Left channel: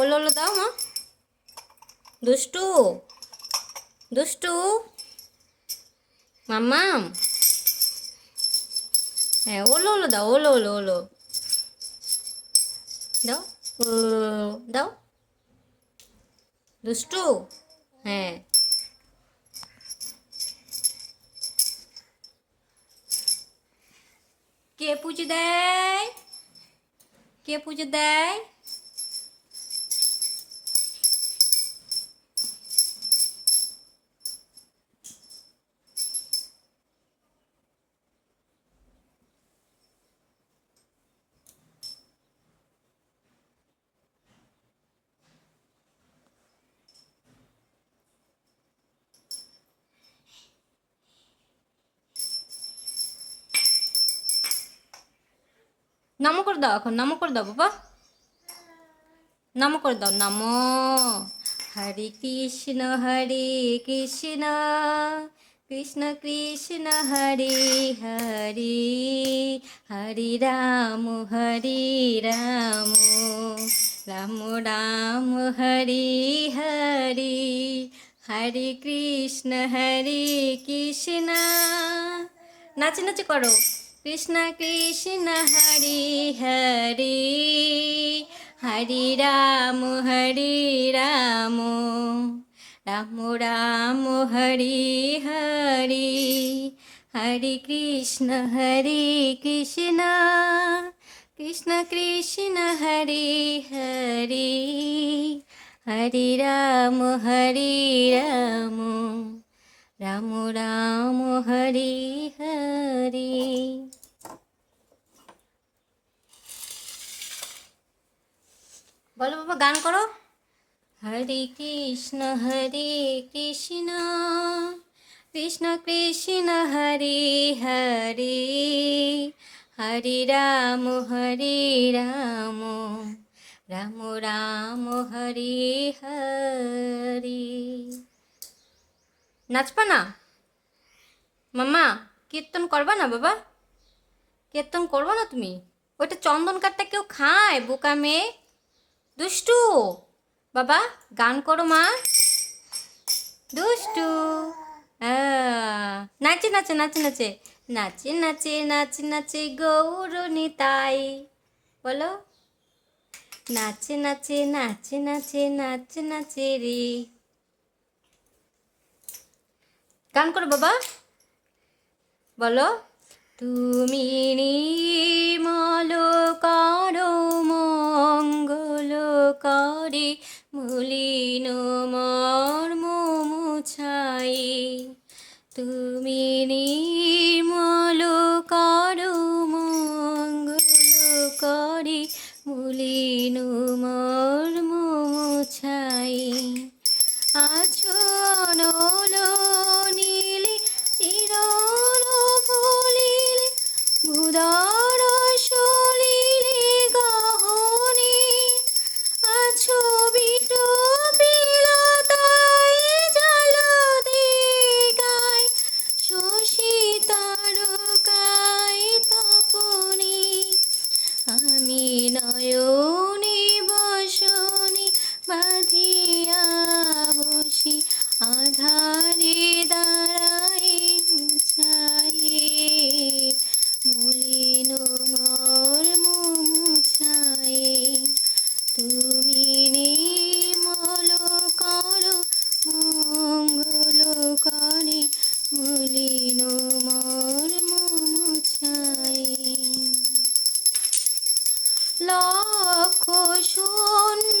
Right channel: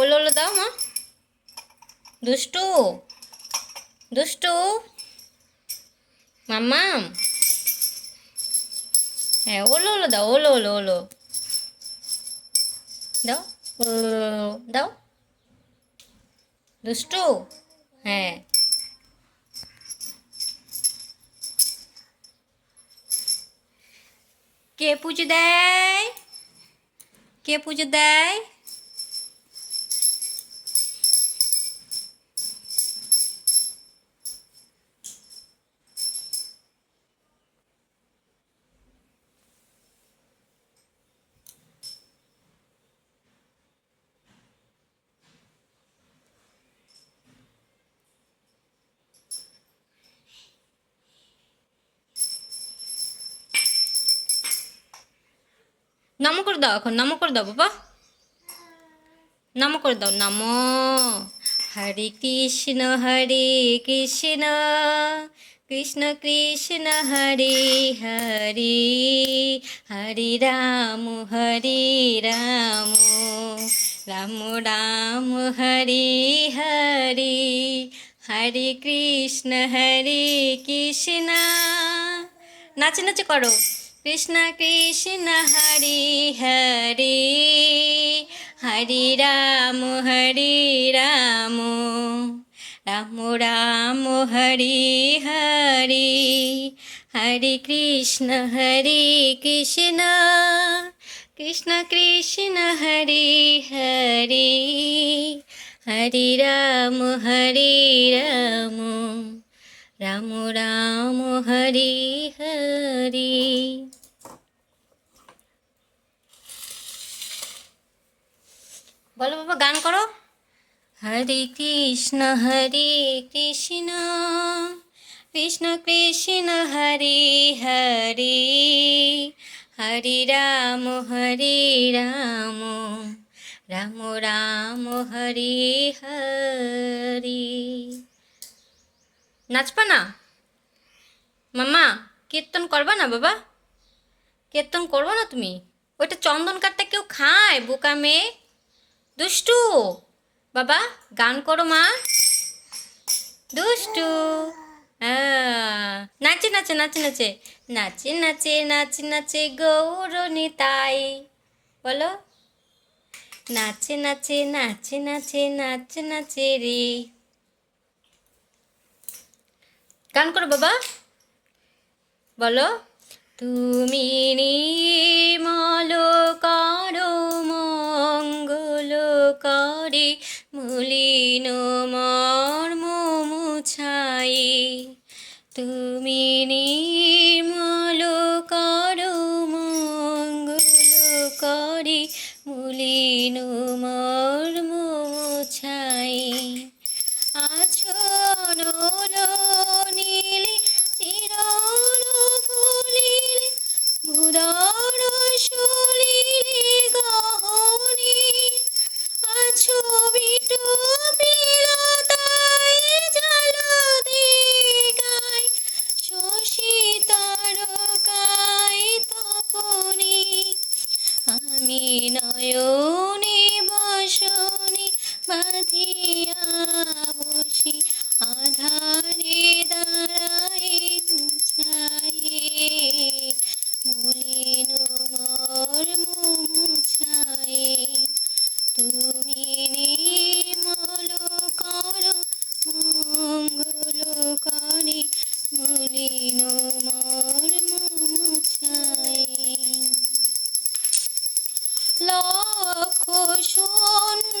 ওলো ওলো দাও মা। দুষ্টু দুষ্টু মাম্মাম। হ্যাঁ ওলো ওলো দাও, ওলো ওলো ওলো দাও, দাও দুষ্টু। হ্যাঁ কে পুজো দেয়, কে পুজো দেয়? নমো করে দাও, এখন নমো করে দাও বাবা, নমো করে দাও। নমো হরে কৃষ্ণ কৃষ্ণ কৃষ্ণ হরে হরে, হরে রাম রাম রাম হরে হরে, হরে কৃষ্ণ কৃষ্ণ। নাচে নাচে করো। কৃষ্ণ কৃষ্ণ হরে হরে, হরে রাম রাম রাম হরে হরে, হরে কৃষ্ণ কৃষ্ণ, কৃষ্ণ কৃষ্ণ হরে হরে, হরে রাম রাম রাম হরে হরে। বলো বাবা, গান করো। হরে কৃষ্ণ কৃষ্ণ, কৃষ্ণ কৃষ্ণ হরে হরে, হরে রাম রাম রাম হরে হরে। নাচবা না মাম্মা? কীর্তন করবা না বাবা? কীর্তন করবো না তুমি? ওইটা চন্দন কাঠটা কেউ খায় বোকা মেয়ে? দুষ্টু বাবা, গান করো মা। দুষ্টু নাচে নাচে নাচে নাচে নাচে নাচে নাচে নাচে গৌর নিতাই। বলো নাচে নাচে নাচে নাচে নাচে নাচে রে। গান করো বাবা। বলো তুমি নির্মল করো মঙ্গল করে, মলিন মর্ম মুছাই। তুমি নির্মল করো মঙ্গল করে, মলিন মর্ম মুছাই। আছন নীলি চিরন ফুলিলে, মুদার সলিলে গহনে, আছো বিটু বিলাতায় জল দিগায়, শশী তারকায় তপনে। আমি নয়নে বসনে বাঁধিয়া বসি, আধারে দাঁড়ায় মুছায়ে, মলিন মর্ম মুছায়ে। তুমি নির্মল করো মঙ্গল করে, মলিন মর্ম মুছায়ে। লক্ষ শূন্য